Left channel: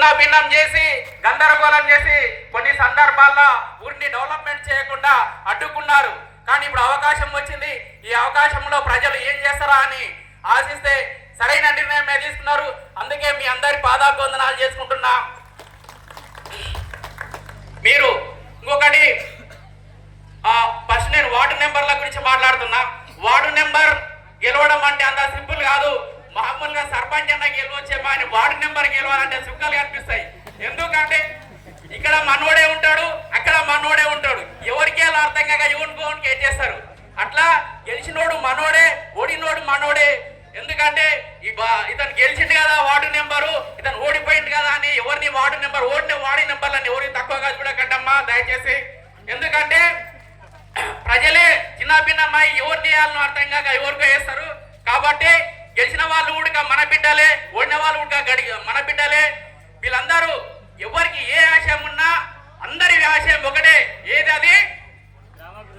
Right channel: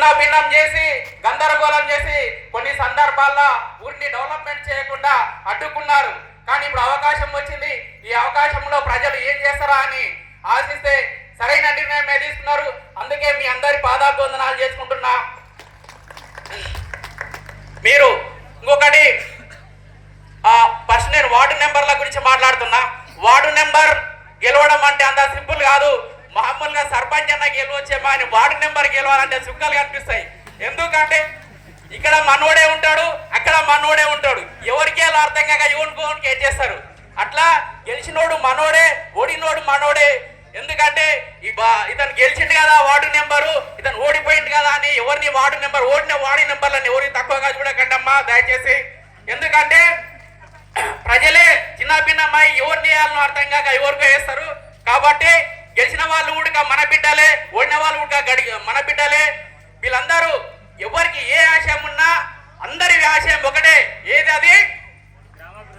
చిన్న భిన్నం చేసి గందరగోళం చేసి కొన్ని సందర్భాల్లో ఊరిని డెవలప్మెంట్ చేయకుండా అడ్డుకున్నారు. కానీ ఇప్పుడు అవకాశం వచ్చింది. ఈ అవకాశంలో ప్రజలు ఏం చేస్తారా అని ఆశిస్తే సరైన నిర్ణయమే తీసుకున్నారు. అందుకే మీ అందరి పాదాభివందనాలు చేసుకుంటున్నా. మీరు ఇంకొకటి ఫస్ట్ నేను వార్డు నెంబర్ల గురించి మాట్లాడుతున్నా. వార్డు నెంబర్ గెలవడం అంటే అంత సింపుల్ కాదు. మామూలుగా సర్పంచ్ అన్న గెలవచ్చేమో అని వార్డు నెంబర్ గెలవాలంటే సింపుల్గా అనిపిస్తాయి. ఎందుకంటే ఇక్కడ మనోడే ఉంటాడు, అక్కడ మనోడే ఉంటాడు. ఎవరికి అలా అర్థం కాక యూనికోన్కి ఏం చేస్తారు. అట్లా గెలిచినోడు మనోడే, ఓడినోడు మనోడే. ఎందుకంటే ఇతను గెలిచిండు కదా వార్డు నెంబరు, ఇతను ఓడిపోయింది కదా అని ఎవరిని వార్డు నెంబర్ ఓడిన వార్డు నెంబర్లని ఎవరిని తక్కువగా చూడకండమ్మా దయచేసి. ఎందుకంటే ప్రజలే చిన్న భిన్నమై ఎవరిని వేయాలని అర్థం కాక ఎవరికో వేస్తారు. కాబట్టి గెలిచిన వాళ్ళు కూడా మన బిడ్డలే, ఓడిన వాళ్ళు కూడా మన బిడ్డలే. వీళ్ళందరూ ఎవరికి ఏ ఆశయం ఉన్నా అందరి ఆశయం ఒకటే. ఏది అది?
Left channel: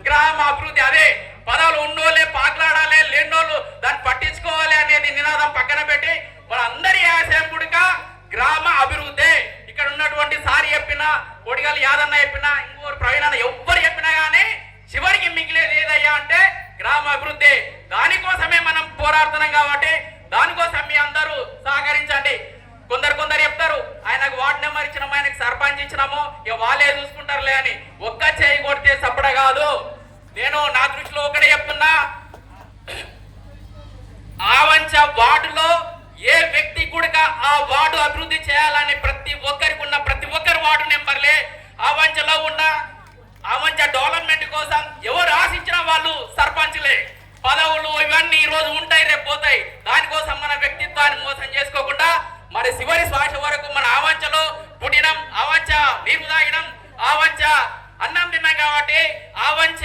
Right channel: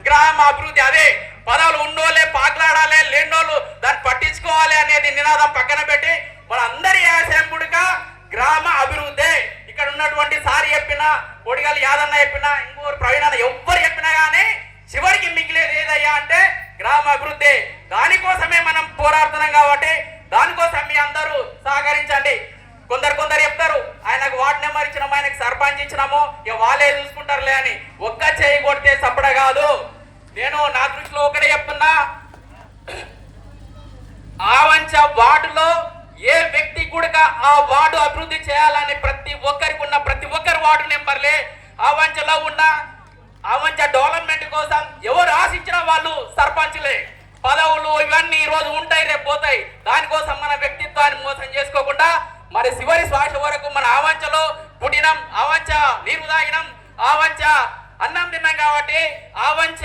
గ్రామ అభివృద్ధి. అదే పదాలు ఉన్నోళ్ళే పాట్లాడాలి, లేనోళ్ళు దాన్ని పట్టించుకోవాలి అనేది నినాదం పక్కన పెట్టి వాళ్ళందరి ఆశయం కూడా గ్రామ అభివృద్ధి. ఇక్కడ ఉన్నటువంటి సారి చెప్పినా, కొడిగల్ యాదన్న చెప్పినా, ఇంకోరు ప్రవీణ ఎవ్వరు చెప్పినా కానీ చివరికి మిగిలేది ఏదయ్యా అంటే గ్రామ అభివృద్ధి. దానికోసమే మనం పోరాడుతున్నాం. కాబట్టి దానికోసం మీ అందరూ సహకరించండి. కొందరు చెప్తారు ఆయనకు వార్డు నెంబర్ ఇచ్చినాము, ఆయనకు సర్పంచ్ ఇచ్చినాము, ఇక వాళ్ళే చూసుకుంటారులే అని. ఒక్క చేయి కొడితే సపడ కాదు. నేను నా దృష్టిలో ఒకటే చెప్తున్నా. ఆవంచ వార్డులో ఏ వ్యక్తి కూడా ఆ వార్డు అభివృద్ధి చేయాలని ప్రతి ఒక్కరికి ఉన్న ప్రతి ఒక్కరు వార్డు నెంబర్లే. ఆవంచలో ఉన్న ఆవంచ డెవలప్మెంట్ కోసం ఎవరు ఆశించిన వాళ్ళు సర్పంచ్లే. పదవులు ఇవన్నీ ఈ రోజు ఉంటాయి, రేపు పోతాయి. దానికోసం మన వ్యక్తిత్వాన్ని మోసం చేసుకోకుండా మరి చివరి శ్వాస వరకు మన ఆవంచలో పుట్టినం, ఆవంచ నీరు తాగినం, ఆవంచ అన్నం తిన్నాం. కాబట్టి ఆవంచ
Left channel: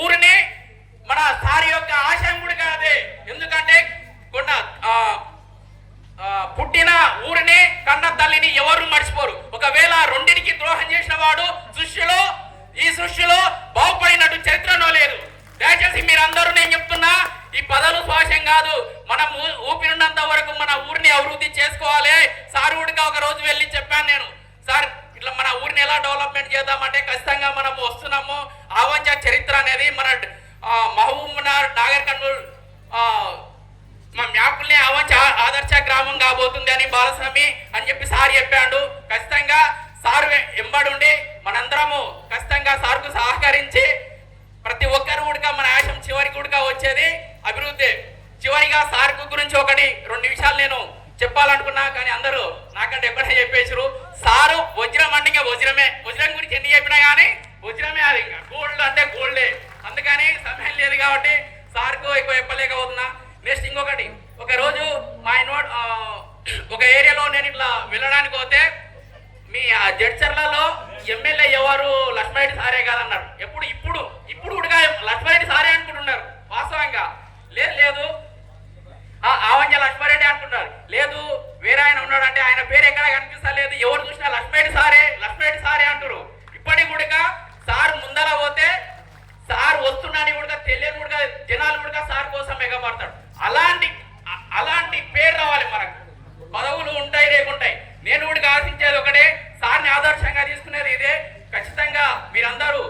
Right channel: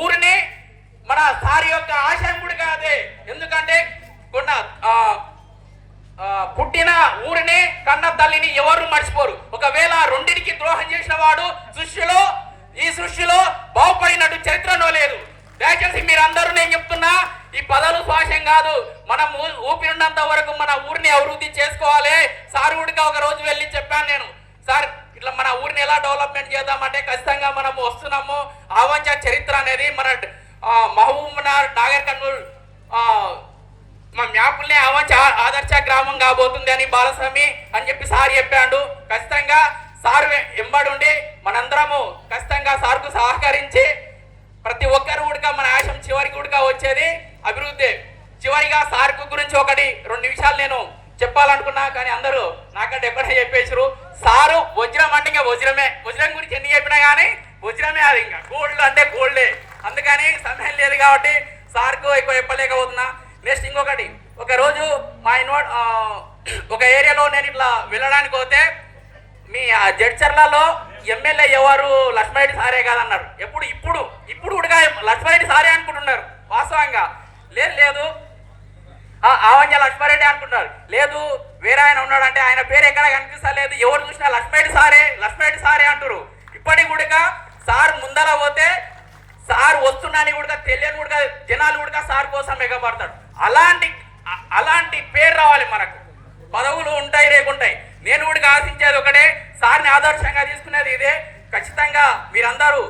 ఊరిని మన సారి యొక్క ఆశయం కూడా కాదే. ఎందుకంటే కొన్న పుట్టిన ఊరిని కన్న తల్లిని ఎవరు మర్చిపోరు. ఒకవేళ రెండింటికి ద్రోహం చేసిన వాడు ఈ సృష్టిలో బాగుపడినట్టు చరిత్రలో లేదు. దయచేసి మీరందరూ నేను చెప్తున్నా, ఈ పదవులు శ్వాసం కాదు. మనం ఊపిరినంత వరకు మన ఊరిని అభివృద్ధి చేసుకోవాలి. సార్ కూడా ఒక రోజు వెళ్ళి చెప్పాను నేను, సార్ ఇట్లా మన ఊరిని ఎలా డెవలప్మెంట్ చేద్దామంటే ఖచ్చితంగా మనం వస్తున్నాము. ఆవంచ చరిత్ర అనేది మన మహబూబ్నగర్, నాగర్ కర్నూల్ మా మ్యాపుల్ని ఆవంచ ఆదర్శ గ్రామం కాబోతుంది అని బాలస్వామి అని చెప్పి సార్ చెప్పాడు. ఖచ్చితంగా సార్ ఎంబడి ఉండి మనందరము ఖచ్చితంగా సార్కు సహకరించి ప్రతి ఒక్కరు కూడా మన ఆశయం చివరికి కూడా వచ్చేది అభివృద్ధి. చివరిగా సార్కు గురించి 1-2 నిమిషాలు నేను చెప్పాలనుకున్నా, కానీ అందరూ నాకంటే ఎక్కడే చెప్పేసారు. సారు వజ్రం అంటే ఇంకా వజ్రమే. వజ్రం గురించి ఎన్ని చెప్పినా కానీ వజ్రమే. అది ఇంకా గోల్డ్ అంటే గోల్డే. అందుకని సమయం లేదు కాబట్టి సార్కు ఎక్కువ చెప్పలేకపోతున్నా. నెక్స్ట్ ఇంకొకటి, ఒకరోజు మా ఒక ఏరియాలో నేను ఇట్లా వెళ్ళడానికి పోతే మీ జడ్చర్లలో ఎమ్మెల్యే ఎవరు లక్ష్మణరెడ్డి సారే కాదన్నారు. ఇప్పుడు కూడా లక్ష్మణరెడ్డి సారే అనుకుంటున్నారు. వాస్తవంగా లేదు ఆవంజ లక్ష్మణరెడ్డి అనుకుంటారు. లేదు వేరే ఆయన ఉన్నాడంటే ఆయన పేరు ఎక్కడ కనిపిస్తలేదు. ఎవరు చూసినా లక్ష్మణరెడ్డి సారే అంటారు. ఇప్పటికి కూడా సార్ ముందర పోతే సార్ వస్తున్నాని కూడా తెలియని కూడా జనాలు కూడా సార్ కోసం ఎగబడతాడు. అలాంటి పేరు రావాలి మనకు. పదవులు ఉంటాయి, రేపుంటాయి. నేను కూడా ఆశించేది ఒకటే, సార్ని ఆదర్శంగా తీసుకునేది ఇదే. ఖచ్చితంగా మీరందరూ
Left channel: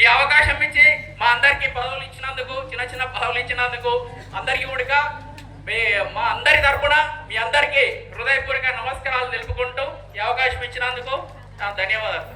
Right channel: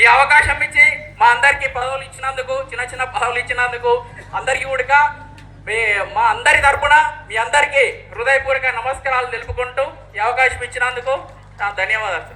ఈ అవకాశం ఇచ్చి మా అందరికీ పదవులు ఇచ్చినందుకు, చిన్న పదవులు ఇచ్చినందుకు అందరికీ కూడా మా అందరి తరపున మీ అందరికీ హృదయపూర్వక నమస్కారాలు తెలుపుకుంటూ ఈ అవకాశం ఇచ్చినందుకు ధన్యవాదాలు.